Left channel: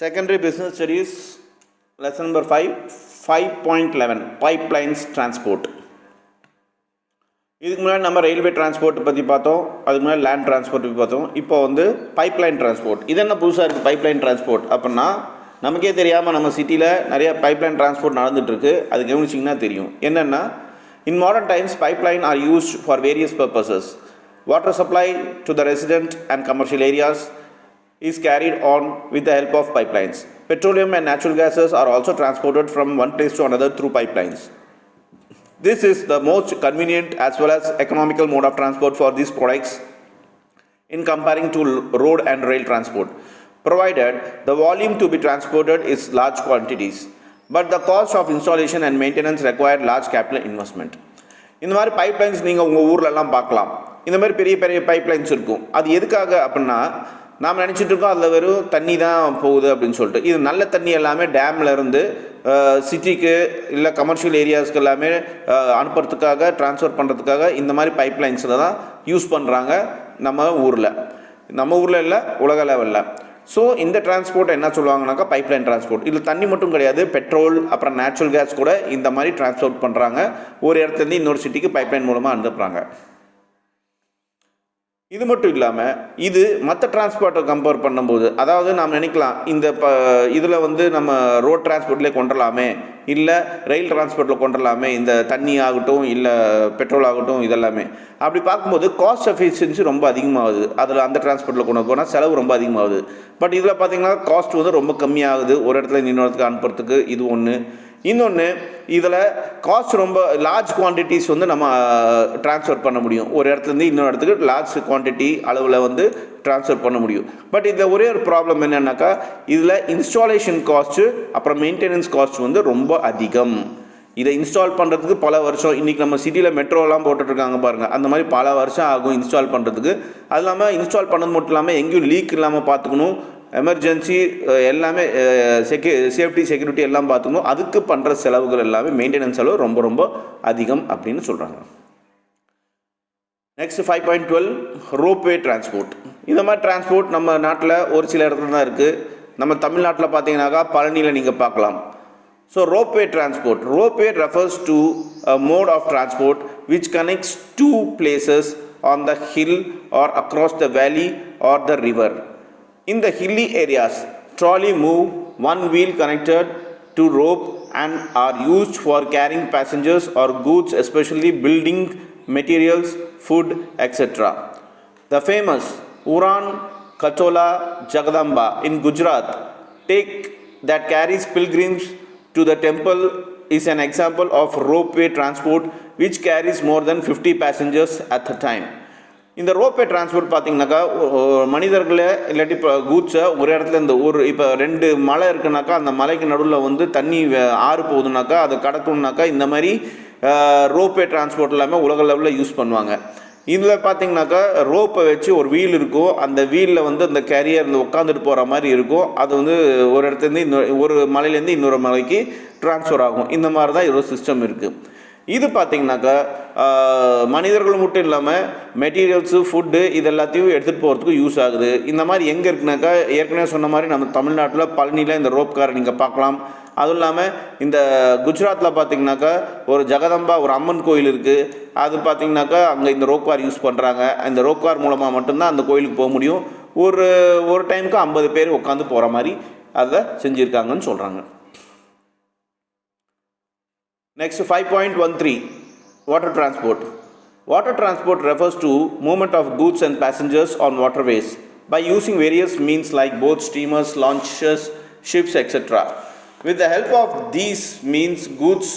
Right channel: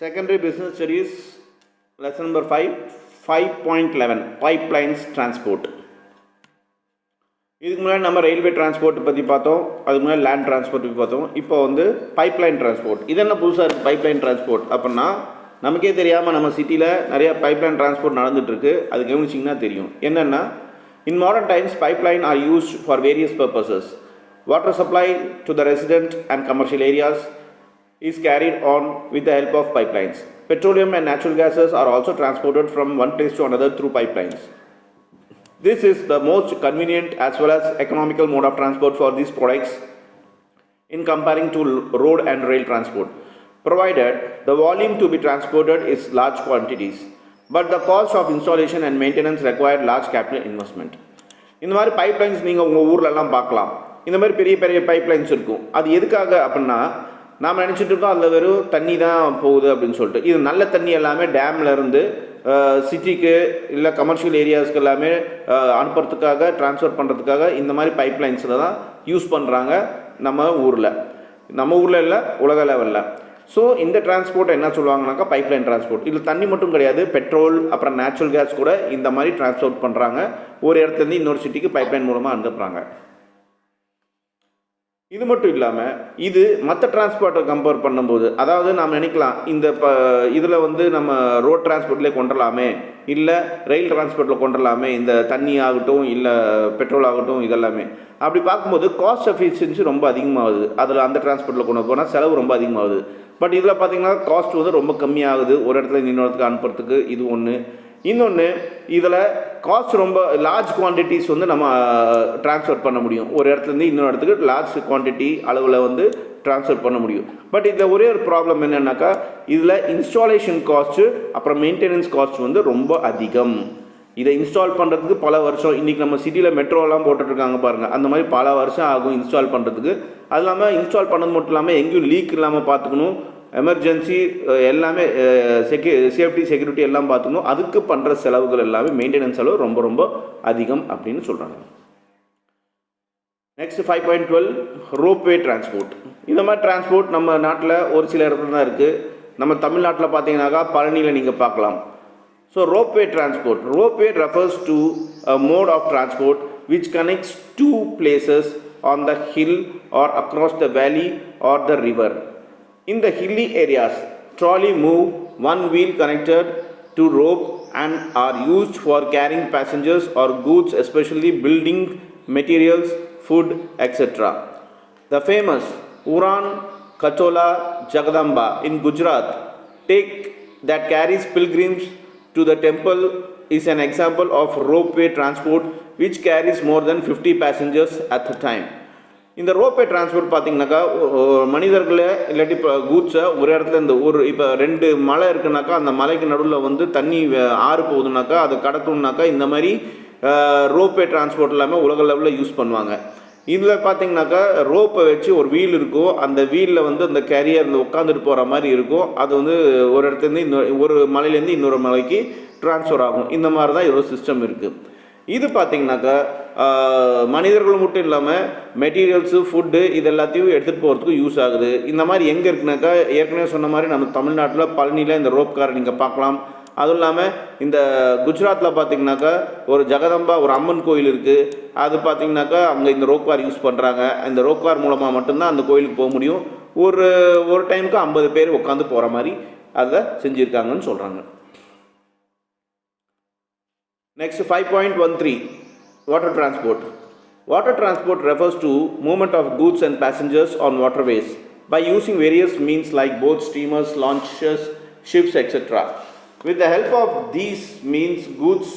Secondary Business Studies, lesson number 5, 5.11, Pipelines Transport. இதுக்கு முன்னாடி நம்ம ரயில்வே டிரான்ஸ்போர்ட் பற்றி பார்த்தோம், அதுக்கு முன்னாடி லேண்ட் டிரான்ஸ்போர்ட் பார்த்தோம். இப்போ வந்து பைப்லைன் டிரான்ஸ்போர்ட். இது என்ன புதுசாக இருக்குது பைப்லைன் டிரான்ஸ்போர்ட் அப்படின்னா, நமக்கே தெரியாமல் நம்ம சிட்டியில் நிறைய பைப்லைன் டிரான்ஸ்போர்ட் நடந்துகிட்ருக்கு. அது கவனிச்சிங்கன்னா தெரியும். என்னென்னா, in modern times pipeline are used for various purposes. Water supply to the resident and commercial areas is carried on with the help of pipelines. Petroleum and natural gases are also transported from one place to another through pipelines. This is the most convenient as well as economical mode of transport for these products in comparing to road and rail transport, provided the volume to be transported is large quantities, but the cost of installation and maintenance require large capital investment. இந்த மாதிரி pipelines நீங்கள் உங்கள் ஊர்லலாம் பார்க்கலாம். இந்த மாதிரி பெரிய பெரிய பைப்லைன்ஸ் இருக்கும். அது எதுக்காக அப்படின்னா, நாம் நினச்சிட்டு இருக்கோம் அதில் வெறும் தண்ணி தான் போகுது அப்படின்னு சொல்லிட்டு. இது நல்ல தண்ணி எல்லாமே டேமில் இருந்து சிட்டிக்கு இல்லை கமர்ஷியல் ஏரியாஸ்க்கு எல்லாமே அனுப்புறதுக்காக ட்ரான்ஸ்ஃபர் பண்ணுறதுக்காக இந்த மாதிரி பைப்லைன்ஸில் தான் யூஸ் பண்ணுறாங்க நம்ம ஊரில் இல்லை உலக லெவலில். ஸோ இந்த டிரான்ஸ்போர்ட் என்ன சொல்லுவாங்கனாக்கா பைப்லைன் டிரான்ஸ்போர்ட். இது தண்ணி மட்டும் கிடையாது, பெட்ரோல் அப்புறம் நேச்சுரல் கேஸ் கூட இந்த மாதிரி டிரான்ஸ்போர்ட் பண்ணுறாங்க. ஒரு இடத்துலேருந்து இன்னொரு சிட்டிக்கு பைப்லைன் மூலமாக அனுப்புகிறாங்க. இது மட்டும் இல்லாமல் இது மற்ற டிரான்ஸ்போர்ட்டை கம்பேர் பண்ணும்போது, அதாவது நாம் நினைக்கலாம் இந்த இதில் வந்து நம்ம ரோட் டிரான்ஸ்போர்ட்லேயே கொண்டுடலாமே, இல்லை ரயில் டிரான்ஸ்போர்ட்டில் கொண்டுடலாமே, இந்த தண்ணி ஆகட்டும் இல்லை பெட்ரோல் ஆகட்டும் இதெல்லாமே. அப்படி பார்க்கும்போது காஸ்ட் எஃபிஷியன்சி ரொம்ப அதிகமாகுது. அதில் அந்த டிரான்ஸ்போர்ட்டில் கொண்டு போனால் செலவு ரொம்ப அதிகமாகுது. பட் இதில் பார்த்திங்கன்னா காஸ்ட் வந்து ரொம்ப கம்மியாகுது ஒரு இடத்துல இன்னொரு இடத்துக்கு அனுப்புறதுக்கு. இது ஒன்று. இன்னொன்று, இதில் காஸ்ட் ரொம்ப லார்ஜ் குவான்டிட்டிஸ் வந்து நம்ம ட்ரான்ஸ்ஃபர் பண்ண முடியும். ஒரு இடத்துலேருந்து இன்னொரு இடத்துக்கு லார்ஜ் குவான்டிட்டி அளவில் வந்து ட்ரான்ஸ்ஃபர் பண்ண முடியும். பட் இதில் ஒரே ஒரு ப்ராப்ளம் என்னென்னாக்கா, இதில் இன்ஸ்டாலேஷன் காஸ்ட்டு அப்புறம் மெயின்டெனன்ஸ் காஸ்ட் வந்து ரொம்ப அதிகம். இதை இன்ஸ்டால் பண்ணுறதுக்கு பல வருஷம், இன்றைக்கி நம்ம சிட்டியில் மெட்ரோலாம் போட்டுட்ருக்காங்க பாருங்கள், அந்த மாதிரி பல வருஷம் ஆகும் இன்ஸ்டால் பண்ணுறதுக்கு. அது இல்லாமல் இன்ஸ்டால் பண்ணது மட்டும் இல்லாமல் எங்கேயும் லீக் இல்லாமல் பார்த்துக்கணும், எமர்ஜென்சி எல்லாமே சேஃப்டி செக்யூரிட்டி எல்லாம் பார்த்துக்கணும். அதுக்கு பண்ணுற செலவுகள் எல்லாமே மெயின்டெனன்ஸ் செலவு ரொம்ப ரொம்ப அதிகம் அப்படின்னு சொல்கிறாங்க. Next 5.12 ropeway transport. இந்த மாதிரி டிரான்ஸ்போர்ட் நம்ம நாட்டில் ஒரு சில இடத்துல தான் இருக்குது. நம்ம தமிழ்நாட்டில் பார்த்தீங்கன்னாக்கா பழனியில் நீங்கள் பார்க்கலாம். So ropeway transport. Ropeway refers to a mode of transport which connects two places on the hill or across the valley or the river. In the hilly areas, trolley move one wheel connected to rope and are used for carrying passengers or goods, especially building materials, food, etc. The famous Uran Khatola Jagadamba in Gujarat that carries pilgrims to the temple is an example of ropeway transport which carries more than 50 passengers at a time. இந்த ropeway transport பார்த்திங்கனாக்கா மனிதர்களை இல்லாட்டி இப்போ கூட்ஸை ஒரு இடத்துல இந்த இப்போ 2 மலை இருக்குனாக்கா அந்த மலைக்கு நடுவில் வந்து தண்ணி ஆறு போகுதுனாக்கா அதை கடக்கணுன்னாக்கா இந்த மாதிரி ரோப்வே டிரான்ஸ்போர்ட் எல்லாமே உலக லெவலில் யூஸ் பண்ணுவாங்க. இதில் பார்த்திங்கனாக்கா ரோப்பை வச்சு ஒரு வீல் இருக்கும், அந்த வீலில் வந்து அந்த கேரியரில் உட்காந்துட்டு போகிற மாதிரி இருக்கும். அது வந்து ஒரு இடத்துலேருந்து ஒரு மலையிலேருந்து இன்னொரு மலைக்கு ட்ரான்ஸ்ஃபர் ஆகும். இந்த மாதிரி தான் ஒரு சிஸ்டம் இருக்குது. இது பார்த்திங்கனாக்கா மனிதர்கள் மட்டும் இல்லாமல் மெட்டீரியல்ஸு, ஃபுட்டு இது எல்லாத்தையும் எடுத்துகிட்டு போகிறதுக்கு யூஸ் ஆகுது. இந்த மாதிரி எங்கே இருக்குனாக்கா, ஏற்கனவே சொன்ன மாதிரி நம்ம தமிழ்நாட்டில் பழனியில் இந்த ரோப் கார் நீங்கள் பார்க்கலாம். அதுவும் இல்லாமல் இந்த குஜராத்தில் பார்த்திங்கனாக்கா ஒரு ஜெகதம்பா ஒரு அம்மன் கோயில் இருக்குது. அது பார்த்திங்கனாக்கா அங்கே இந்த ரோப் கார் யூஸ் பண்ணுறாங்க. இந்த ரோப் கார் மூலமாக மட்டும்தான் அந்த கோயிலுக்கு போக முடியும். ஒரு டைமுக்கு 50 பேர் உட்காந்து போகிற மாதிரி அதை செஞ்சுருக்காங்கன்னு சொல்கிறாங்க. Next 5.13 water transport. Water transport refers to movement of goods and passengers on waterways by using various means like boats, steamers, launches, ships, etc. With the help of these means, goods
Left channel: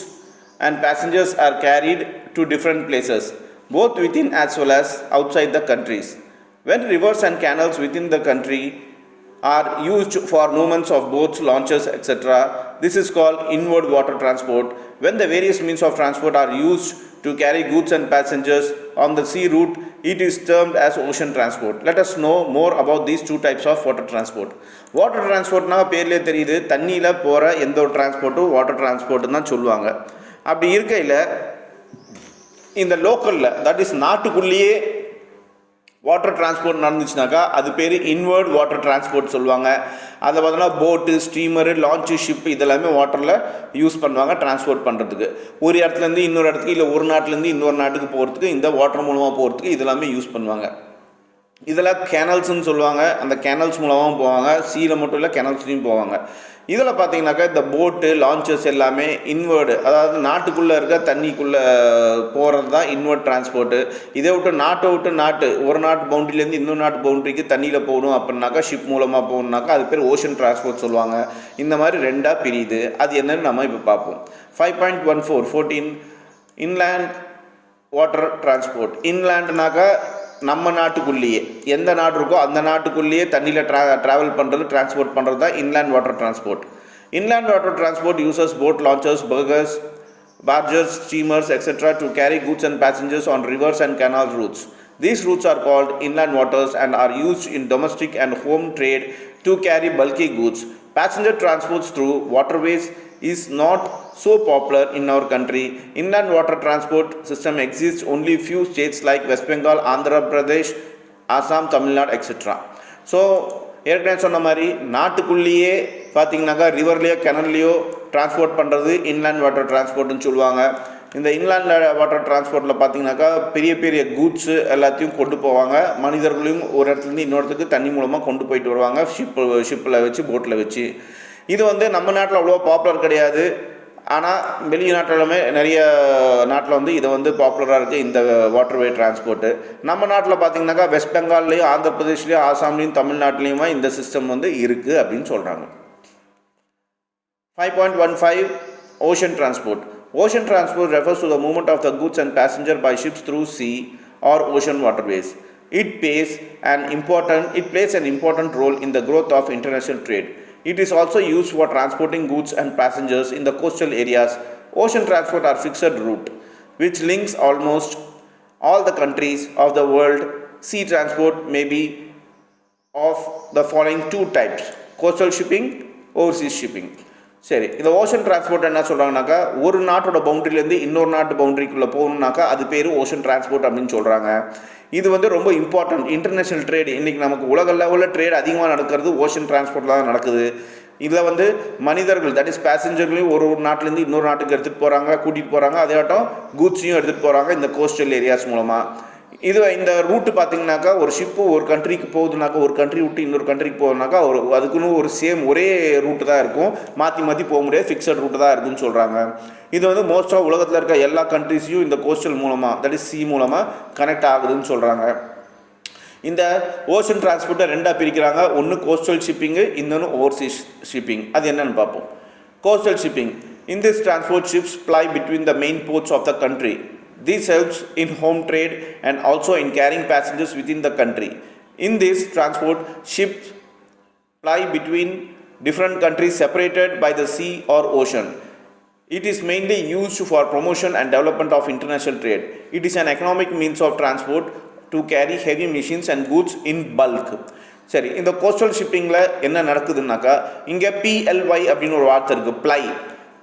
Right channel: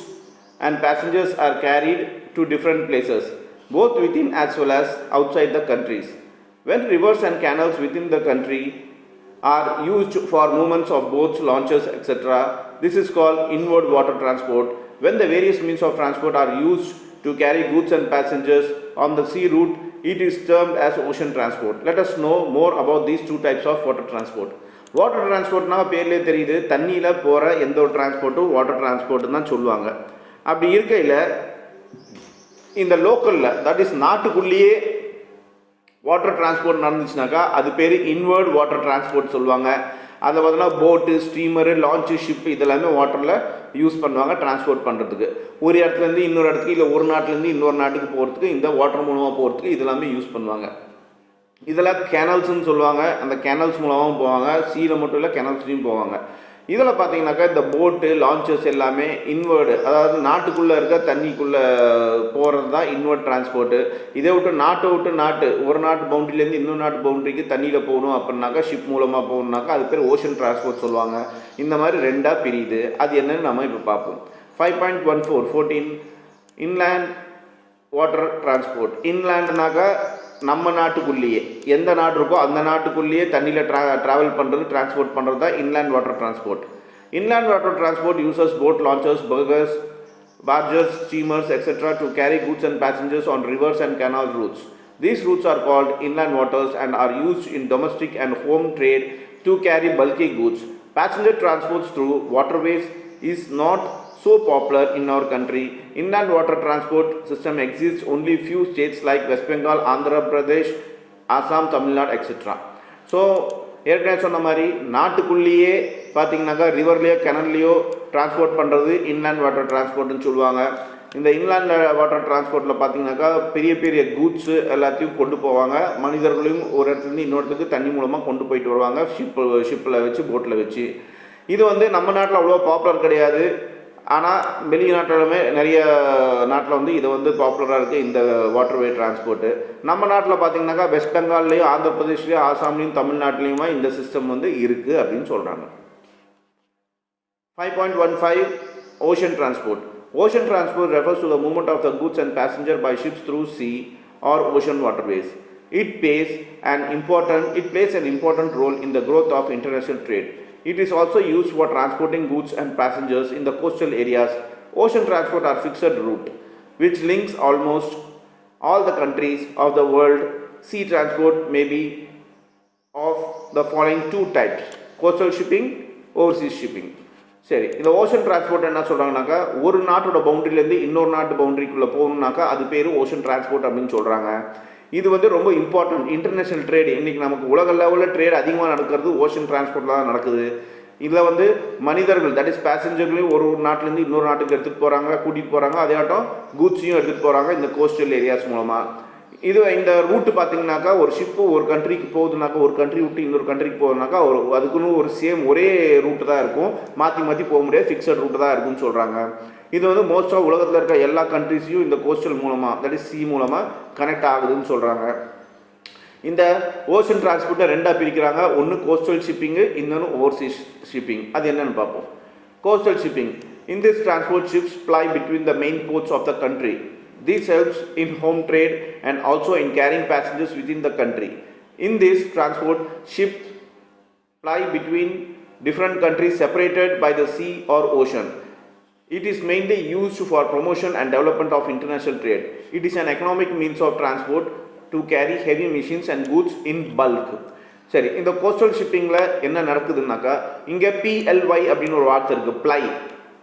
and passengers are carried to different places, both within as well as outside the countries. When rivers and canals within the country are used for movements of boats, launches, etc., this is called inward water transport. When the various means of transport are used to carry goods and passengers on the sea route, it is termed as ocean transport. Let us know more about these two types of water transport. Water transport na பேர்லயே தெரியுது, தண்ணியில போற எந்த ஒரு டிரான்ஸ்போர்ட்டும் water transport தான் சொல்லுவாங்க. அப்படி இருக்கையில் இந்த லோக்கலில், தட் இஸ் நாட்டுக்குள்ளேயே வாட்டர் டிரான்ஸ்போர்ட் நடந்துச்சுனாக்கா அது பேர் இன்வர்ட் வாட்டர் டிரான்ஸ்போர்ட் சொல்லுவாங்க. அதை பார்த்தோன்னா போட்டு, ஸ்டீமரு, லான்ச்சு, ஷிப் இதெல்லாமே வாட்டரில் யூஸ் பண்ணுவாங்க டிரான்ஸ்போர்ட் பண்ணுறதுக்கு. ஒரு இடத்துலேருந்து இன்னொரு இடத்துக்கு, இல்லை ஒரு நாட்டிலேருந்து இன்னொரு நாட்டுக்கு போகிறதுக்கு, இந்த வாட்டர் மூலமாக போகிறதுக்கு இதெல்லாமே யூஸ் பண்ணுவாங்க. இதெல்லாம் கேனல்ஸ்ன்னு சொல்லுவாங்க. அந்த கேனல்ஸ் மூலமாகவும் போவாங்க, சீல மட்டும் இல்லை கேனல்ஸ்லையும் போவாங்க. இதில் பார்த்தீங்கன்னாக்கா இந்த போட்டு, லான்ச்சஸ் எல்லாமே இன்வர்டு, அதாவது நாட்டுக்குள்ளே இருக்க தண்ணிக்குள்ளே போகிறது தான் இன்வர்ட் டிரான்ஸ்போர்ட்டு. இதை விட்டு நாட்டு ஒரு நாட்டு பவுண்ட்ரிலேருந்து இன்னொரு நாட்டு பவுண்ட்ரிக்கு தண்ணியில் போகணும் அப்படின்னாக்கா ஷிப் மூலமாக போகணுன்னாக்கா அது பேர் ஓஷன் டிரான்ஸ்போர்ட் சொல்லுவாங்க. இந்த மாதிரி ரெண்டாக பிரியுது. அது என்னன்னு நம்ம இப்போ பார்ப்போம். 5.14 இன்லேண்ட் வாட்டர் டிரான்ஸ்போர்ட். இன்லேண்ட்னாக்கா நம்ம நாட்டுக்குள்ளேயே எந்த நாடு இருக்கோ அந்த நாட்டுக்குள்ளேயே தண்ணியில் ட்ராவல் பண்ணுறது, டிரான்ஸ்போர்ட் பண்ணுறது தான் inland water transport. Inland water transport uses boat, launchers, barges, steamers, etc. to carry goods and passengers on rivers and canal routes. These routes are called inland waters and are used in domestic and home trade to carry bulky goods. Passenger transports through waterways is not so popular in our country. Inland water transport system exists only few states like West Bengal, Andhra Pradesh, Assam, Tamil Nadu, etc. So ஏற்கனவே சொன்ன மாதிரி நாட்டுக்குள்ளேயே பார்த்தீங்கன்னாக்கா ரிவர்லேயோ கெனல்லையோ transport பண்ணுறது inland water டிரான்ஸ்போர்ட்னு சொல்லுவாங்க. இந்த inland water டிரான்ஸ்போர்ட்டில் பார்த்தீங்கன்னாக்கா பெரிய பெரிய கூட்ஸு எல்லாத்தையும் கொண்டு போவாங்க. மனிதர்களையும் ஒரு இடத்துலேருந்து இன்னொரு இடத்துக்கு தண்ணி மூலமாக கொண்டு போயிட்டு வருவாங்க, ஷிப்பில் வச்சு, போட்டில் வச்சு. இது நம்ம நாட்டில் அவ்வளோ பாப்புலர் கிடையாது. ஆனால் வெளிநாட்டிலுமே நிறைய நாட்டில் இதை பாப்புலராக இருக்குது இந்த வாட்டர்வே டிரான்ஸ்போர்ட்டு. நம்ம நாட்டில் பார்த்திங்கனாக்கா வெஸ்ட் பெங்கால்லையும், ஆந்திர பிரதேஷ்லேயும், ஆசாம்லேயும், தமிழ்நாட்டிலையுமா இந்த சிஸ்டம் இருக்குது அப்படின்னு சொல்கிறாங்க. 5.15 Ocean transport. Ocean transport refers to the movement of the goods and passenger by ships through sea or ocean waterways. It plays an important role in the growth of international trade. It is also used for transporting goods and passengers in the coastal areas. Ocean transport are fixed route, which links almost all the countries of the world. Sea transport may be of the following two types: coastal shipping, overseas shipping. சரி, இந்த ocean transport என்ன சொல்கிறாங்கனாக்கா, ஒரு நாட்டோட பவுண்ட்ரிலேருந்து இன்னொரு நாட்டு பவுண்ட்ரிக்குள்ளே போகணுன்னாக்கா அது பேர் ocean transport அப்படின்னு சொல்கிறாங்க. இது ரொம்ப இம்பார்ட்டன்ட் இன்டர்நேஷ்னல் ட்ரேடு. இன்றைக்கி நமக்கு உலக லெவலில் ட்ரேட் அதிகமாக நடக்கிறது ஓஷன் டிரான்ஸ்போர்ட்டில் தான் நடக்குது. இதில் மனிதர்கள், தட் இஸ் பேசஞ்சர்களையும் ஒரு நாட்டிலேருந்து இன்னொரு நாட்டுக்கு எடுத்துகிட்டு போகிறாங்க, கூட்டிகிட்டு போகிறாங்க. அதேட்டம் கூட்ஸையும் எடுத்துகிட்டு போகிறாங்க இந்த கோஸ்டல் ஏரியாஸ் மூலமாக. இந்த ரூட்டு பார்த்திங்கனாக்கா ஒரு ஷிப்பு ஒரு கண்ட்ரிக்கு போகுதுனாக்கா, ஒரு கண்ட்ரி விட்டு இன்னொரு கண்ட்ரிக்கு போகுதுனாக்கா அதுக்குன்னு ஒரு ஒரே ரூட்டு தான் இருக்கும், மாற்றி போக முடியாது, ஃபிக்ஸட் ரூட்டு தான் இருக்குதுன்னு சொல்கிறாங்க. இது மோஸ்ட்டாக உலகத்தில் இருக்க எல்லா கண்ட்ரிஸையும் இந்த கோஸ்டல் மூலமாக, தட் இஸ் சி மூலமாக கனெக்ட் ஆகுதுன்னு சொல்கிறாங்க. இந்த ஓஷன் டிரான்ஸ்போர்ட்டை ரெண்டாக பிரிக்கிறாங்க. ஒன்று கோஸ்டல் ஷிப்பிங்கு, இன்னொன்று ஓவர்சீஸ் ஷிப்பிங். அது என்னென்னு பார்ப்போம். Coastal shipping. In this transport, ships ply between the main ports of the country. This helps in home trade and also in carrying passengers within the country. In this transport, ships ply between different countries separated by the sea or ocean. It is mainly used for promotion and development of international trade. It is an economic means of transport to carry heavy machines and goods in bulk. சரி, இந்த coastal ஷிப்பிங்கில் என்ன நடக்குதுன்னாக்கா, இங்கே PLY அப்படின்னு ஒரு வார்த்தை இருக்குது, ply.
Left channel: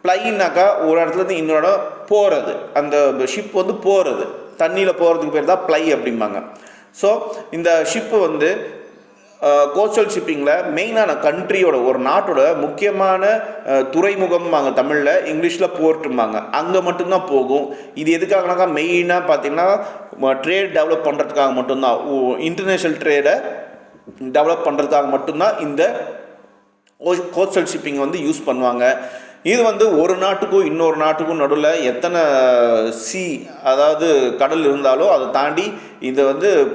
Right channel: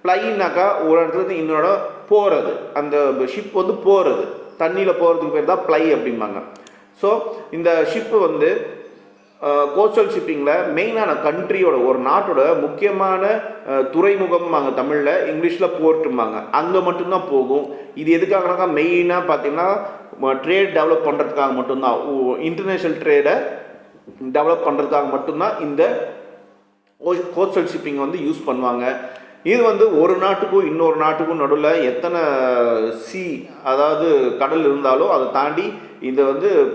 ப்ளைனாக்கா ஒரு இடத்துலேருந்து இன்னொரு போகிறது, அந்த ஷிப் போகிறது, தண்ணியில் போகிறதுக்கு பேர் தான் ப்ளை அப்படிம்பாங்க. ஸோ இந்த ஷிப்பு கோஸ்டல் ஷிப்பிங்கில் மெயினான கண்ட்ரியோட, ஒரு நாட்டோட முக்கியமான துறைமுகம்பாங்க தமிழில், இங்கிலீஷில் போர்ட்டும்பாங்க, அங்கே மட்டும்தான் போகும். இது எதுக்காகனாக்கா மெயினாக பார்த்திங்கன்னா ட்ரேட் டெவலப் பண்ணுறதுக்காக மட்டும்தான், இன்டர்நேஷ்னல் ட்ரேடை டெவலப் பண்ணுறதுக்காக மட்டும்தான் இந்த கோஸ்டல் ஷிப்பிங் யூஸ் பண்ணுவாங்க. இது ஒரு நாட்டுக்கும் இன்னொரு நாட்டுக்கும் நடுவில் எத்தனை அதாவது கடல் இருந்தாலும் அதை தாண்டி இதை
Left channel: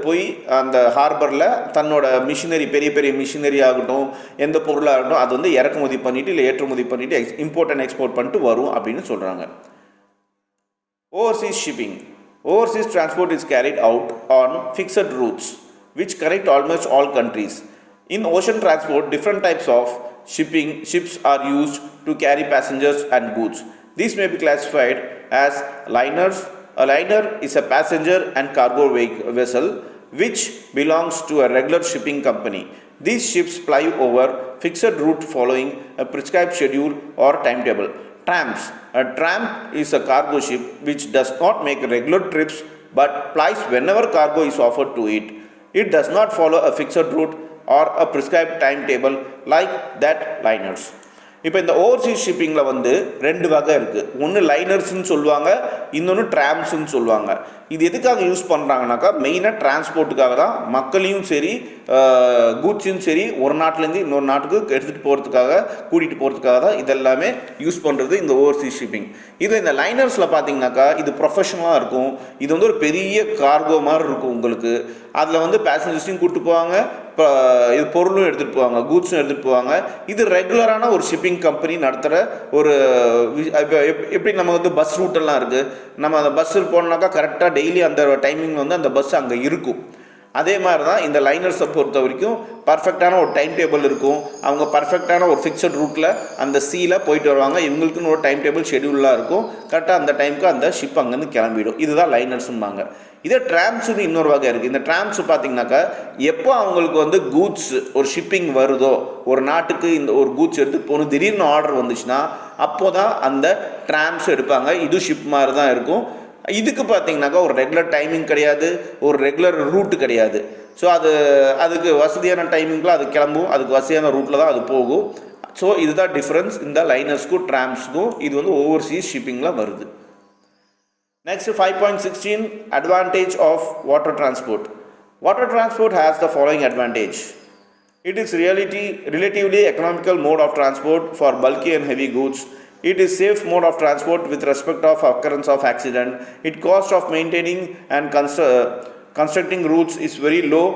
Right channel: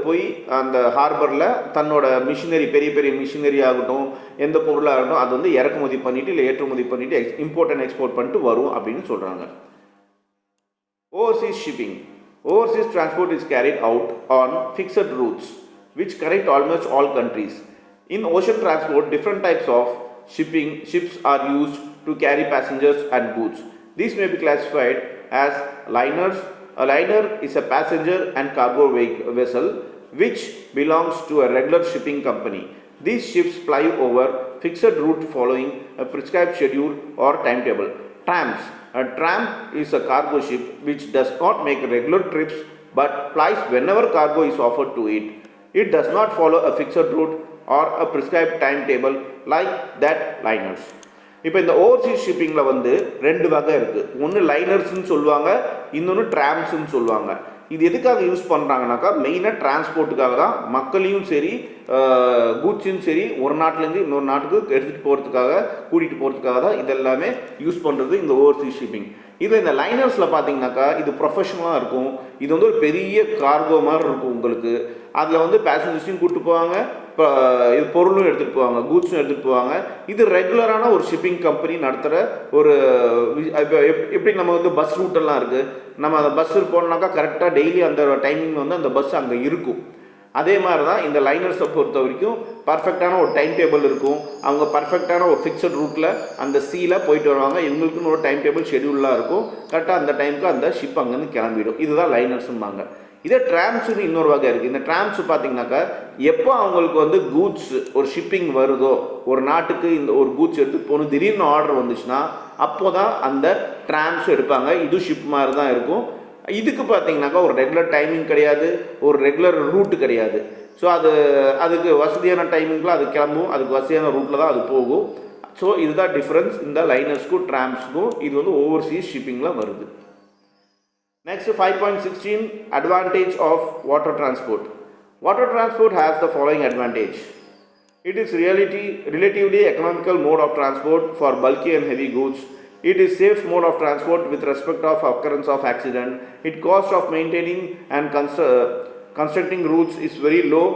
போய் அந்த ஹார்பரில் தன்னோட மிஷினரி, பெரிய பெரிய மிஷினரி ஆகட்டும், எந்த பொருளாகட்டும், அது இறக்குமதி பண்ணிவிட்டு இல்லை ஏற்றுமதி பண்ணிவிட்டு இம்போர்ட் அண்ட் எக்ஸ்போர்ட் பண்ணிட்டு வரும் அப்படின்னு சொல்கிறாங்க. Overseas shipping. Overseas transport is carried out on fixed routes which connect almost all countries. In ocean transport, different types of ships are used to carry passengers and goods. These may be classified as liners. A liner is a passenger and cargo vessel which belongs to a regular shipping company. These ships ply over fixed route following a prescribed schedule or timetable. Tramps. A tramp is a cargo ship which does not make regular trips but plies whenever cargo is offered to it. It does not follow a fixed route or a prescribed timetable like that liners. இப்போ இந்த Overseas ஷிப்பிங்கில் வந்து ரெண்டு வகை இருக்குது. ஒன்று லைனர்ஸ்ன்னு சொல்லுவாங்க, இன்னொன்று ட்ராம்ஸ்ன்னு சொல்லுவாங்க. இது எதுக்காக யூஸ் பண்ணுறாங்கனாக்கா மெயினாக டிரான்ஸ்போர்ட்டுக்காக தான். மக்களையும் சரி கூட்ஸும் சரி ஒரு நாட்டிலேருந்து இன்னொரு நாட்டுக்கு எடுத்துகிட்டு போகிறதுக்காக கூட்டிகிட்டு போகிறதுக்காக தான் இதெல்லாமே யூஸ் பண்ணுறது இந்த ஓவர்சீஸ் ஷிப்பிங். இது இந்த லைனர்ஸில் பார்த்தீங்கன்னாக்கா இது ப்ரொஃபஷனலாக இருக்கும். இது வந்து ஒரு பெரிய கார்கோ மாதிரி இருக்கும் உங்களுக்கு. அதில் வந்து பேசஞ்சர்ஸையும் கூப்பிட்டு போவாங்க, இது பொருளும் எடுத்துகிட்டு போவாங்க, கூட்ஸும் எடுத்துகிட்டு போவாங்க. இது ரெகுலரான ஒரு ஷிப்பிங் கம்பெனி நடத்துகிற ஒரு எப்படி நம்ம வந்து பஸ் ரூட்டெல்லாம் இருக்குது. நம்ம அந்த பஸ்ஸில் போனோம்னாக்கா கரெக்டாக டெய்லி அந்த டைமிங் வந்து அந்த பஸ் அங்கே இருக்கும். அதே மாதிரி தான் இந்த லைனர்ஸை பொறுத்த வரைக்கும் பர்ஃபெக்டான ஒரு டைம் டேபிள் இருக்கும். அவங்க பர்ஃபெக்டான ஒரு ஃபிக்ஸட் ரூட்டில் அந்த சீயில் போயிட்டு வருவாங்க. இவங்களுக்குன்னு ஒரு டைம் டேபிள் ஷெடியூலாக இருக்கும். கரெக்டாக அந்த டைமுக்கு அந்த ஷிப் அங்கேருந்து கிளம்பிடும். இதுதான் லைனர்ஸும்பாங்க. இதே ட்ராம்ஸுன்னு இன்னொரு வகை இருக்குது. இந்த ட்ராம்ஸ் பார்த்தீங்கன்னாக்கா எப்போ அவங்களுக்கு வந்து கூட்ஸ் ஒரு ஷிப்பிங் வருதோ, ஒரு நாட்டுக்கு இந்த ஒரு கூட்ஸ் எடுத்து போகணும் திடீர்னு ஆர்டர் வந்துச்சுன்னா அப்போ தான் அந்த ட்ராம்ஸ் எடுப்பாங்க. இது ஷிப் மாதிரி தான் இருக்கும். இதுக்கு பார்த்தீங்கன்னாக்கா ஒரு ரெகுலர் டைமிங் கிடையாது, ஒரு ரெகுலர் ரூட்டு கிடையாது. ஸோ அதுக்கு வசதியான டைமிங்கில் அது கிளம்பும், அதுக்கு வசதியான ரூட்டில் தான் அது போகும். ஸோ இதுதான் டிஃப்ரென்ஸ் இந்த லைனர்ஸ்க்கும் ட்ராம்ஸ்க்கும். இது வந்து ஓவர்சீஸ் ஷிப்பிங்கில் வருது. Next 5.16 advantage of water transport. Water transport has the following advantage. It is relatively economical mode of transport for bulky and heavy goods. It is safe mode of transport with respect of occurrence of accident. It cost of maintaining and constructing routes is very low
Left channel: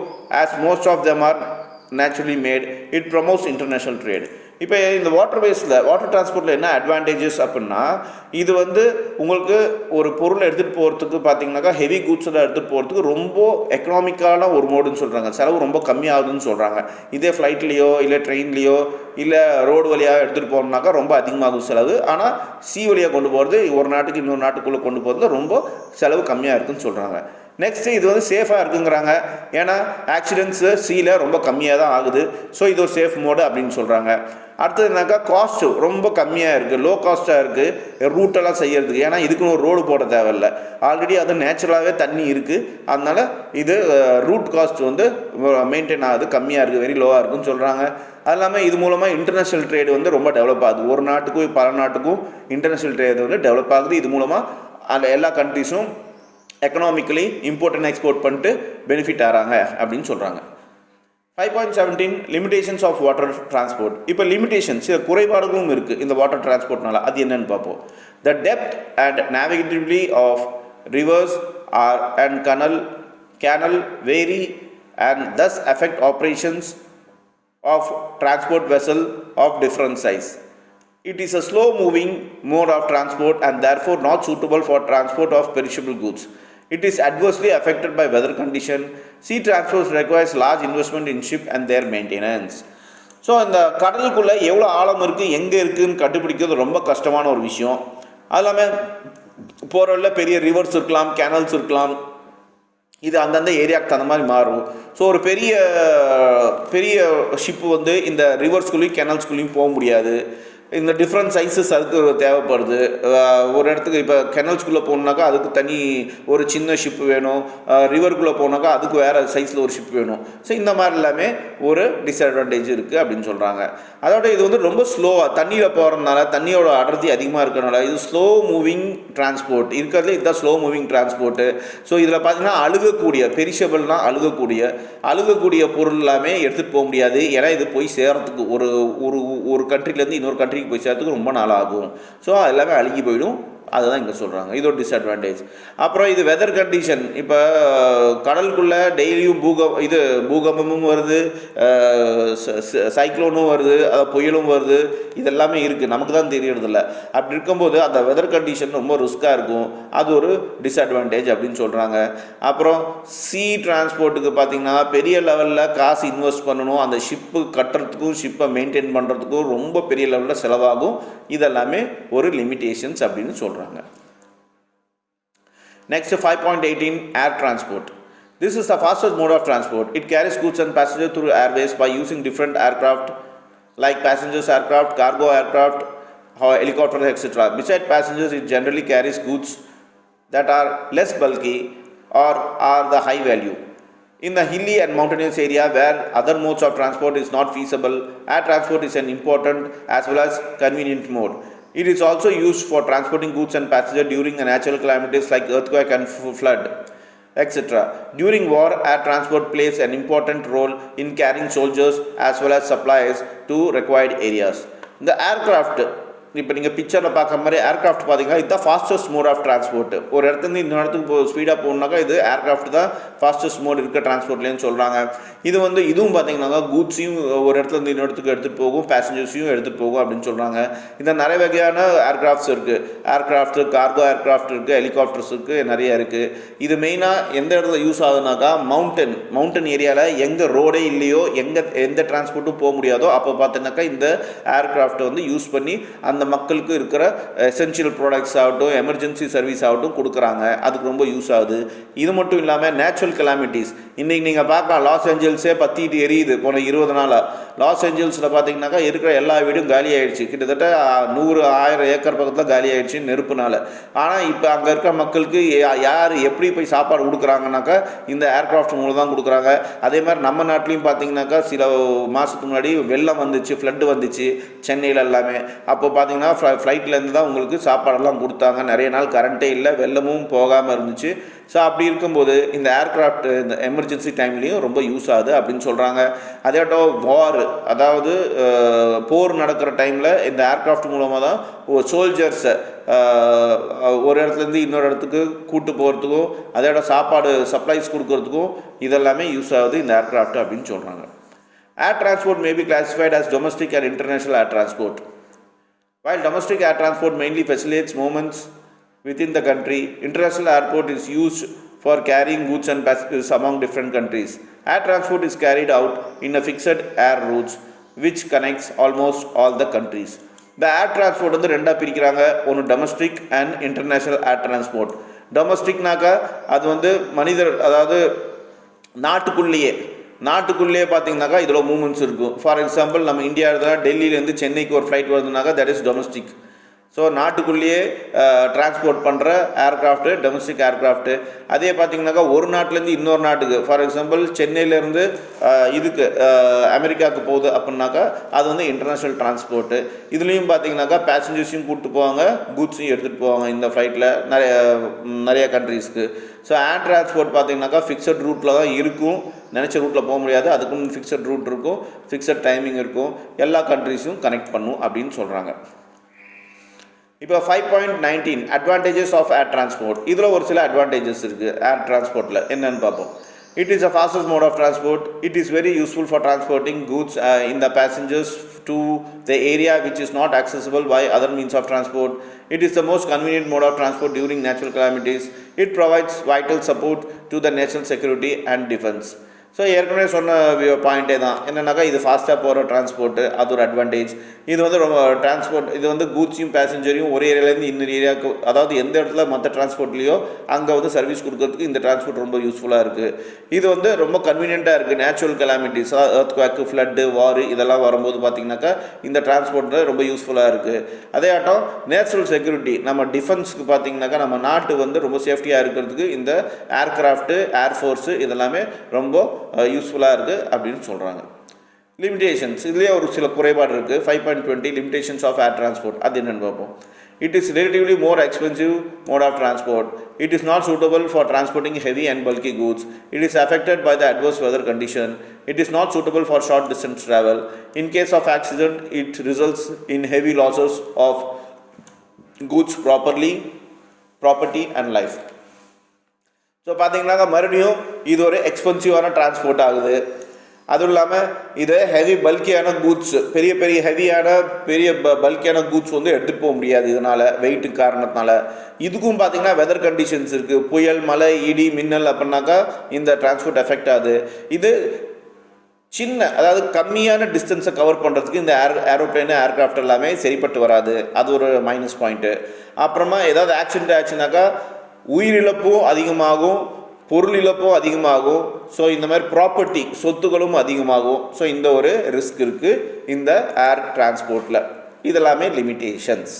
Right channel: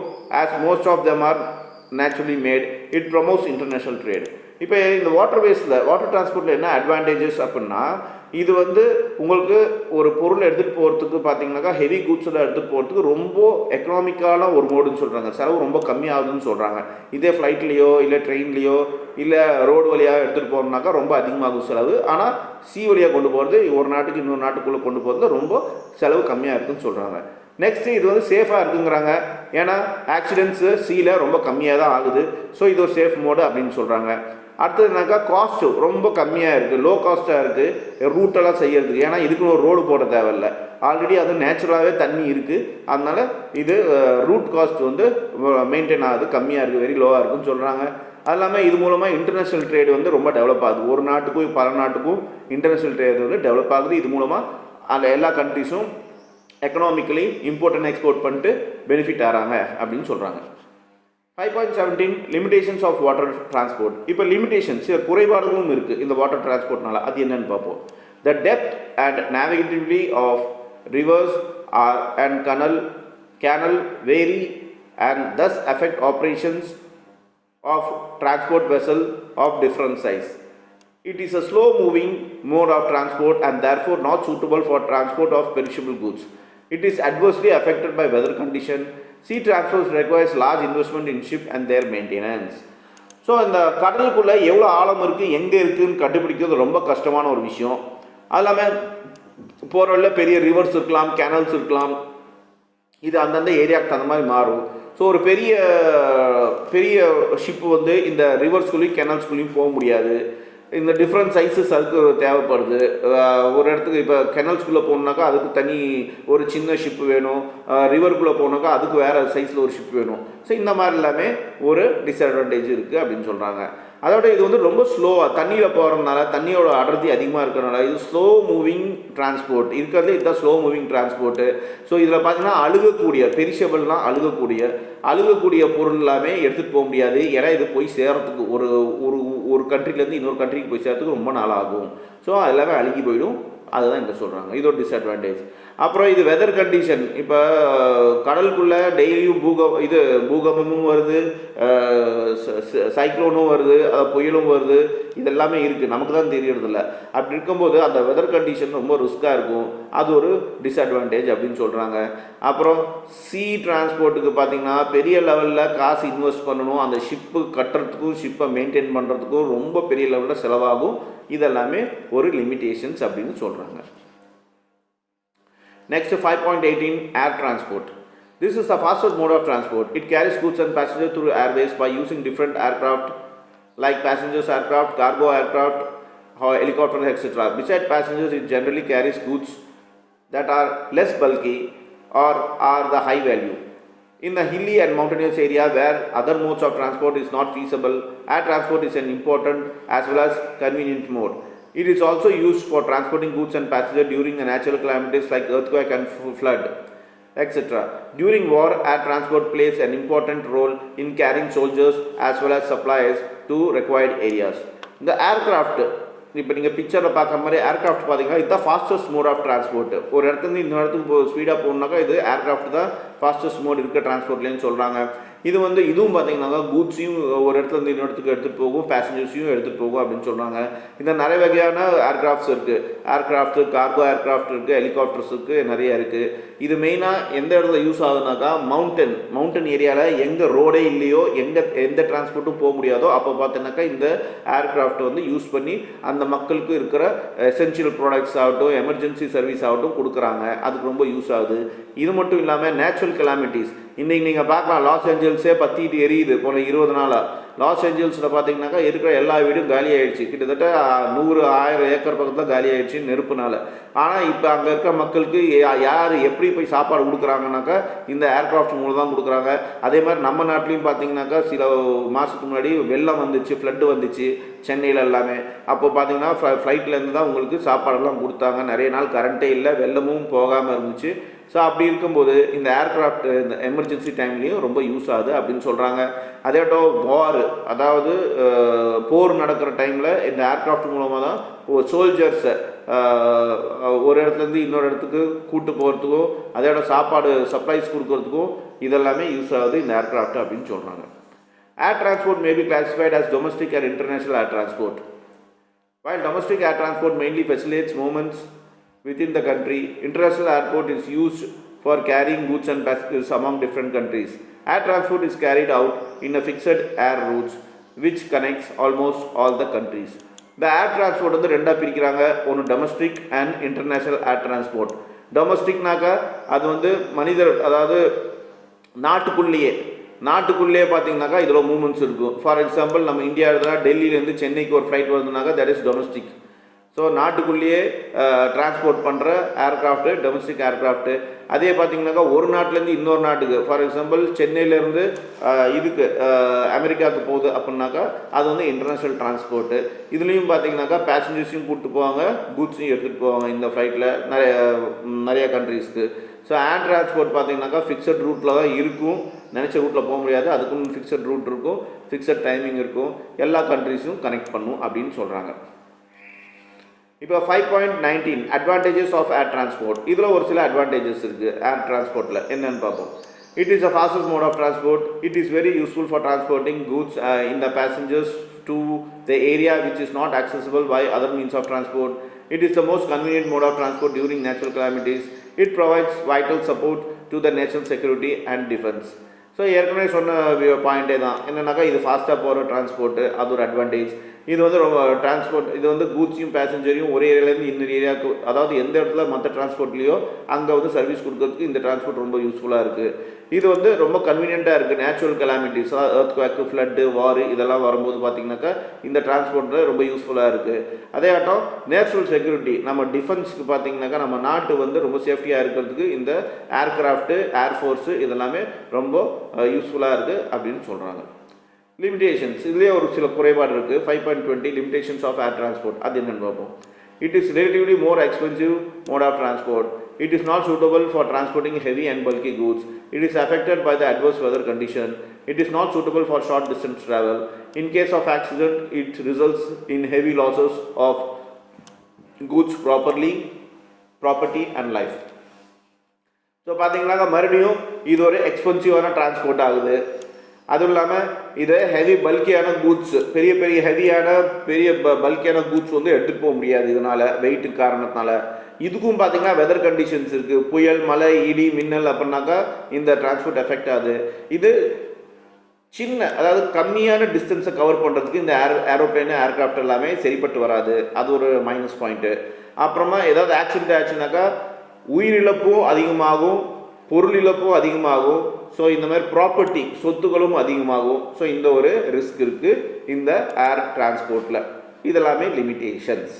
as most of them are naturally made. It promotes international trade. இப்போ இந்த water டிரான்ஸ்போர்ட்டில் என்ன advantages அப்படின்னா, இது வந்து உங்களுக்கு ஒரு பொருளை எடுத்துகிட்டு போகிறதுக்கு பார்த்தீங்கன்னாக்கா ஹெவி கூட்ஸில் எடுத்துகிட்டு போகிறதுக்கு ரொம்ப எக்கனாமிக்கான ஒரு மோடுன்னு சொல்கிறாங்க. செலவு ரொம்ப கம்மியாகுதுன்னு சொல்கிறாங்க. இதே ஃப்ளைட்லேயோ இல்லை ட்ரெயின்லேயோ இல்லை ரோடு வழியாக எடுத்துகிட்டு போகிறோம்னாக்கா ரொம்ப அதிகமாகும் செலவு. ஆனால் வழியாக கொண்டு போகிறது, ஒரு நாட்டுக்கு இன்னொரு நாட்டுக்குள்ளே கொண்டு போகிறது ரொம்ப செலவு கம்மியாக இருக்குதுன்னு சொல்கிறாங்க. நெக்ஸ்ட்டு இது வந்து சேஃபாக இருக்குங்கிறாங்க. ஏன்னா ஆக்சிடென்ட்ஸு சீல ரொம்ப கம்மியாக தான் ஆகுது. ஸோ இது ஒரு சேஃப் மோடு அப்படின்னு சொல்கிறாங்க. அடுத்ததுனாக்கா காஸ்ட்டு ரொம்ப கம்மியாக இருக்குது, லோ காஸ்ட்டாக இருக்குது ரூட்டெல்லாம் செய்கிறதுக்கு. ஏன்னா இதுக்குன்னு ஒரு ரோடு போட தேவையில்லை, ஆல்ரெடி அது நேச்சுரலாகவே தண்ணி இருக்குது. அதனால் இது ரூட் காஸ்ட் வந்து மெயின்டைன் ஆகுது, கம்மியாக இருக்குது, வெரி லோவாக இருக்குதுன்னு சொல்கிறாங்க. அது இல்லாமல் இது மூலமாக இன்டர்நேஷ்னல் ட்ரேடு வந்து ரொம்ப டெவலப் ஆகுது. ஒரு நாட்டுக்கும் பல நாட்டுக்கும் இன்டர்நேஷ்னல் ட்ரேடு வந்து டெவலப் ஆகுது. இது மூலமாக அந்த எல்லா கண்ட்ரிஸும் எக்கனாமிக்கலி இம்போர்ட் அண்ட் எக்ஸ்போர்ட் பண்ணிட்டு பெனிஃபிட் ஆகிறாங்க அப்படின்னு சொல்கிறாங்க. 5.17 லிமிடேஷன்ஸ் ஆஃப் வாட்டர் டிரான்ஸ்போர்ட். இப்போ லிமிடேஷன்ஸ் குறைபாடுகளும் இருக்குது இந்த வாட்டர் டிரான்ஸ்போர்ட்னால. அது என்னென்னு பார்ப்போம். The depth and navigability of rivers and canal vary and thus affect operations of transport vessel of different size. It is a slow moving mode of transport and therefore not suitable for transport of perishable goods. It is adversely affected by weather condition. Sea transport requires large investment in ship and their maintenance. So இந்த கடலுக்குள்ளே எவ்வளோ ஆழம் இருக்குது, எங்கே இருக்குதுன்னு கண்டுபிடிக்கிறது ரொம்ப கஷ்டமான ஒரு விஷயம். அது இல்லாமல் போகிற வழியில் பெரிய ரிவர்ஸ் இருக்கலாம், கேனல்ஸ் இருக்கலாம். இது அந்தந்த ஏரியாவுக்கு அந்த மாதிரி மாறும். ஸோ ஒரு பெரிய ஷிப்பு வந்து இந்த ரிவர்ஸ்குள்ளேயும் கேனல்ஸ்குள்ளேயும் போக முடியாது. இந்த டிஃப்ரெண்ட் சைஸஸ் அதுக்கு தேவைப்படுது. ஒரு இடத்துக்கு இப்போ கெனல்ஸ்குள்ளே போகணுனாக்கா அதுக்கு தனி ஒரு சின்ன ஷிப்பு வேணும், ரிவருக்குள்ளே போனாக்கா அதுக்கு வேறு சைஸில் ஒரு ஷிப் வேணும். ஸோ இந்த மாதிரி எல்லாமே ஒரு டிஸ்அட்வான்டேஜ் இருக்குது அப்படின்னு சொல்கிறாங்க. அதோட இது வந்து ரொம்ப ஸ்லோவாக தண்ணியில் போகிறதுனால, தண்ணியோட அடர்த்தி அதிகமாக இருக்கிறதுனால இது ஸ்லோ மூவிங் டிரான்ஸ்போர்ட் இருக்கிறதுல இதுதான் ஸ்லோ மூவிங் டிரான்ஸ்போர்ட்டு. ஸோ இதில் பார்த்திங்கன்னா அழுகக்கூடிய பெரிஷபிள்னால் அழுகக்கூடிய பொருள் எல்லாமே எடுத்துகிட்டு போக முடியாது. ஏன்னா இது போய் சேர்கிறதுக்கு ஒரு கண்ட்ரிலேருந்து இன்னொரு கண்ட்ரிக்கு போய் சேர்த்துக்கு ரொம்ப நாள் ஆகும். ஸோ அது எல்லாமே அழுகி போயிடும். அதுதான் இங்கே சொல்கிறாங்க, இது ஒரு டிஸ்அட்வான்டேஜ். அப்புறம் இது வெதர் கண்டிஷன். இப்போ கடலுக்குள்ளே டெய்லியும் பூகம்பமும் வருது, சைக்ளோனும் வருது, புயலும் வருது, இதெல்லாமே இருக்குது, நமக்கு தான் தெரியறதில்ல. அப்படி இருக்கும்போது அந்த வெதர் கண்டிஷன் ரொம்ப ரிஸ்க்காக இருக்கும். அது ஒரு டிஸ்அட்வான்டேஜ் அப்படின்னு சொல்கிறாங்க. அப்புறம் சீ டிரான்ஸ்போர்ட்டுக்கு பார்த்திங்கன்னா பெரிய லெவலில் காசு இன்வெஸ்ட் பண்ணணும். அந்த ஷிப்பு கட்டுறதுக்கும் ஷிப்பை மெயின்டைன் பண்ணுறதுக்கும் ரொம்ப பெரிய லெவலில் செலவாகும். இதெல்லாமே ஒரு லிமிட்டேஷன்ஸ் அப்படின்னு சொல்கிறாங்க. Next 5.18 air transport. This is the fastest mode of transport. It carries goods and passengers through airways by using different aircraft like passengers aircraft, cargo aircraft, helicopters, etc. Besides passengers, it generally carries goods that are less bulky or are the high value. In the hilly and mountainous area where other modes of transport is not feasible, air transport is an important as well as convenient mode. It is also used for transporting goods and passengers during the natural calamities like earthquake and flood, etc. During war, air transport plays an important role in carrying soldiers as well as supplies to required areas. The aircraft, இப்போ நீங்கள் பிக்சரில் பார்க்குற மாதிரி aircraft பார்த்தீங்கன்னா இதுதான் fastest mode of transport. ஒரு இடத்துலேருந்து இன்னொரு இடத்துக்கு ஸ்பீடாக போகணுன்னாக்கா இது ஏர்க்ராஃப்ட் தான் ஃபாஸ்டஸ்ட் மோட் இருக்க டிரான்ஸ்போர்ட்லேன்னு சொல்கிறாங்க. இதுவும் பார்த்தீங்கன்னாக்கா கூட்ஸையும் ஒரு இடத்துலேருந்து இன்னொரு இடத்துக்கு எடுத்துகிட்டு போகும், பேசஞ்சர்ஸையும் எடுத்துகிட்டு போகும் அப்படின்னு சொல்கிறாங்க. இந்த நிறைய வகையான ஏர்க்ராஃப்ட்ஸ் இருக்குது. ஏர்க்ராஃப்ட்டு, கார்கோ ஏர்க்ராஃப்ட் இருக்குது, ஹெலிகாப்டர்ஸ் இருக்குது, நிறைய இருக்குது. இது மெயினாக எந்த இடத்துல யூஸ் ஆகுதுனாக்கா மவுண்டன் ஏரியாவில் எங்கே ரோடே இல்லையோ, எந்த டிரான்ஸ்போர்ட்டும் போக முடியாதோ அப்போ பார்த்தீங்கன்னாக்கா இந்த ஏர்க்ராஃப்ட் வந்து யூஸ் பண்ணி அந்த மக்களுக்கு இருக்கிற எசென்ஷியல் ப்ராடக்ட்ஸ் ஆகட்டும், எமர்ஜென்சி சர்வீஸ் ஆகட்டும் கொடுக்குறாங்க. அதுக்கு ரொம்ப யூஸ் ஆகுது. இது மட்டும் இல்லாமல் நேச்சுரல் கெலாமிட்டிஸ், இன்றைக்கி நீங்கள் பார்க்கலாம் லாஸ் ஏஞ்சல்ஸே பற்றிட்டு எரியுது போன 20 நாளாக. லாஸ் ஏஞ்சல்ஸில் பார்த்தீங்கன்னாக்கா இருக்கிற எல்லா வீடும் காலி ஆகிடுச்சு. கிட்டத்தட்ட 100,000 ஏக்கர் பக்கத்தில் காலி ஆகிடுச்சு நெருப்புனால. ஆனால் இப்போ அங்கே இருக்கிற மக்களுக்கு யார் எப்படி போய் சாப்பாடு கொடுக்குறாங்கனாக்கா இந்த ஏர்க்ராஃப்ட் மூலம் தான் கொடுக்குறாங்க. அதே மாதிரி நம்ம நாட்டிலையும் பார்த்தீங்கன்னாக்கா சில மாதத்துக்கு முன்னாடி வெள்ளம் வந்துச்சு, ஃப்ளட்டு வந்துச்சு சென்னையில் எல்லாமே. அப்போ பார்த்தீங்கன்னா ஃப்ளைட்லேருந்து தான் உங்களுக்கு சாப்பாடெல்லாம் கொடுத்தாங்க. நிறைய நாள் கரண்ட்டே இல்லை, வெள்ளமும் போகாமல் இருந்துச்சு. ஸோ அப்படி இருக்கும்போது இந்த ஏர்க்ராஃப்ட் இந்த எமர்ஜென்சி டைம்லேயும் ரொம்ப யூஸ் ஆகுது அப்படின்னு சொல்கிறாங்க. அதேட்டும் வார், அதாவது போர் நடக்கிற டைமில் இந்த ஏர்க்ராஃப்ட் மூலமாக தான் சோல்ஜர்ஸை ஒரு இடத்துலேருந்து இன்னொரு இடத்துக்கு கூட்டு போகிறதுக்கும் அதோட சாப்பாடு சப்ளைஸ் கொடுக்கறதுக்கும் இதெல்லாமே யூஸ் ஆகுது இந்த ஏர்க்ராஃப்ட் அப்படின்னு சொல்கிறாங்க. Air transport may be classified as domestic and international air transport. While domestic air transport mainly facilitates movements within the country, international airport is used for carrying goods and passengers among different countries. Air transport is carried out in a fixed air routes which connects almost all the countries. The air transport வந்து ரெண்டாக பிரிக்கிறாங்க. ஒன்று domestic and international air transport. டொமஸ்டிக்னாக்கா அது வந்து மனிதர், அதாவது நாட்டுக்குள்ளேயே பார்த்தீங்கன்னாக்கா இதில் மூமெண்ட்ஸ் இருக்கும். ஃபார் எக்ஸாம்பிள் நம்ம இந்தியா இடத்துல டெல்லியிலேருந்து சென்னைக்கு ஒரு ஃப்ளைட் வருதுனாக்கா தட் இஸ் டொமஸ்டிக். ஸோ நாட்டுக்குள்ளேயே டிரான்ஸ்போர்ட் பண்ணுற ஏர்க்ராஃப்ட்டு டொமஸ்டிக் ஏர்க்ராஃப்ட்டு. அதே பார்த்திங்கனாக்கா ஒரு நாட்டிலேருந்து இன்னொரு நாட்டுக்கு, ஃபார் எக்ஸாம்பிள் சென்னையிலேருந்து இதுக்கு அமெரிக்காவுக்கு போகுது அப்படின்னாக்கா அது வந்து இன்டர்நேஷ்னல் டிரான்ஸ்போர்ட்டு. இதுலேயும் பார்த்திங்கனாக்கா பேசஞ்சர்ஸையும் கூப்பிட்டு போவாங்க, கூட்ஸையும் எடுத்துகிட்டு போவாங்க இந்த ஃப்ளைட்டில் நிறைய கண்ட்ரீஸ்க்கு. ஸோ ஏர் டிரான்ஸ்போர்ட் பார்த்திங்கனாக்கா ஃபிக்ஸட் ரூட்டில் தான் இருக்கும். நினச்ச ரூட்டில் போக முடியாது, அதுக்கும் ஃபிக்ஸட் ரூட் இருக்கும், ஃபிக்ஸட் டைமிங் இருக்கும், எல்லா கண்ட்ரீஸும் கனெக்ட் பண்ணும் அப்படின்னு சொல்கிறாங்க. இப்போ 5.19 அட்வான்டேஜஸ் ஆஃப் ஏர் டிரான்ஸ்போர்ட். இதில் ஒரு சில அட்வான்டேஜஸ் இருக்குது ஏர் டிரான்ஸ்போர்ட்டில், என்னென்னு பார்ப்போம். It is a fastest mode of transport. It is very useful for transporting goods in the passengers to the area which is not accessible by other means of transport. It is the most convenient mode of transport during natural calamities. It provides vital support to the national security and defense. So ஏற்கனவே சொன்ன பாயிண்ட்டே தான் என்னென்னாக்கா இது ஃபாஸ்ட்டாக போகிற transport, அது ஒரு advantage. இது வந்து ரொம்ப டிரான்ஸ்போர்ட், இது வந்து கூட்ஸையும் பேசஞ்சரையும் ஒரு ஏரியாவிலேருந்து இன்னொரு ஏரியாவுக்கு, அதாவது எந்த இடத்துல மற்ற டிரான்ஸ்போர்ட்லேயோ அங்கே வந்து சர்வீஸ் கொடுக்கறதுக்கு இந்த டிரான்ஸ்போர்ட் ரொம்ப யூஸ்ஃபுல்லாக இருக்குது. இது வந்து ரொம்ப கன்வீனியண்ட்டாக இருக்குது. நேச்சுரல் கெலாமிட்டிஸ், எர்த்குவேக்கு, ஃப்ளட்டு, வார் இதெல்லாம் வரும்போது பார்த்திங்கனாக்கா இந்த டிரான்ஸ்போர்ட்டில் ரொம்ப யூஸ்ஃபுல்லாக இருக்குது. அதே ஆட்டம் நேச்சுரல் செக்யூரிட்டி, நம்ம டிஃபென்ஸுக்கு பார்த்திங்கனாக்கா நம்ம நாட்டு வந்து ரொம்ப சேஃப்டியாக இருக்கிறதுக்கு இந்த ஏர்க்ராஃப்ட்டு, ஏர்ஃபோர்ஸு இதெல்லாமே ரொம்ப யூஸ்ஃபுல்லாக இருக்குது அப்படின்னு சொல்கிறாங்க. லிமிடேஷன்ஸ், இதுலேயே ஒரு சில குறைபாடு இருக்குது. 5.20 லிமிடேஷன்ஸ் ஆஃப் ஏர் டிரான்ஸ்போர்ட், அது என்னென்னு பார்ப்போம். It is relatively more expensive mode of transport. It is not suitable for transporting heavy and bulky goods. It is affected by the adverse weather condition. It is not suitable for short distance travel. In case of accident, it results in heavy losses of goods, property and life. So பார்த்தீங்கன்னாக்கா மறுபடியும் இது ஒரு எக்ஸ்பென்சிவான transport ஆகுது. அதுவும் இல்லாமல் இது heavy பல்கியான goods, பெரிய ஹெவியான பல்கியான கூட்ஸ் வந்து எடுத்துகிட்டு போக முடியாது இதனால், வெயிட்டு காரணத்தினால. இதுக்கும் பார்த்திங்கன்னா வெதர் கண்டிஷன்ஸ் இருக்குது. புயல், மழை, இடி, மின்னல் அப்படின்னாக்கா இந்த டிரான்ஸ்போர்ட் எஃபெக்ட் ஆகுது. இது சின்ன, அதாவது கம்மியான டிஸ்டன்ஸை கவர் பண்ணுறதுக்கு இந்த ஏரோப்ளேனு ஏர்க்ராஃப்ட் எல்லாமே சரிப்பட்டு வராது. அது ஒரு மைனஸ் பாயிண்ட்டு. அப்புறமா ஏதாவது ஆக்சிடென்ட் ஆச்சுனாக்கா உயிரிழப்பும் அதிகமாகும், பொருள் இழப்பும் அதிகமாகும். ஸோ இந்த மாதிரி ப்ராப்பர்ட்டி, சொத்துக்களும் அதிகமாகும். ஸோ இந்த ஒரு ரிஸ்க் இருக்குது இந்த ஏர் டிரான்ஸ்போர்ட்டில். இதெல்லாமே லிமிட்டேஷன்ஸ்.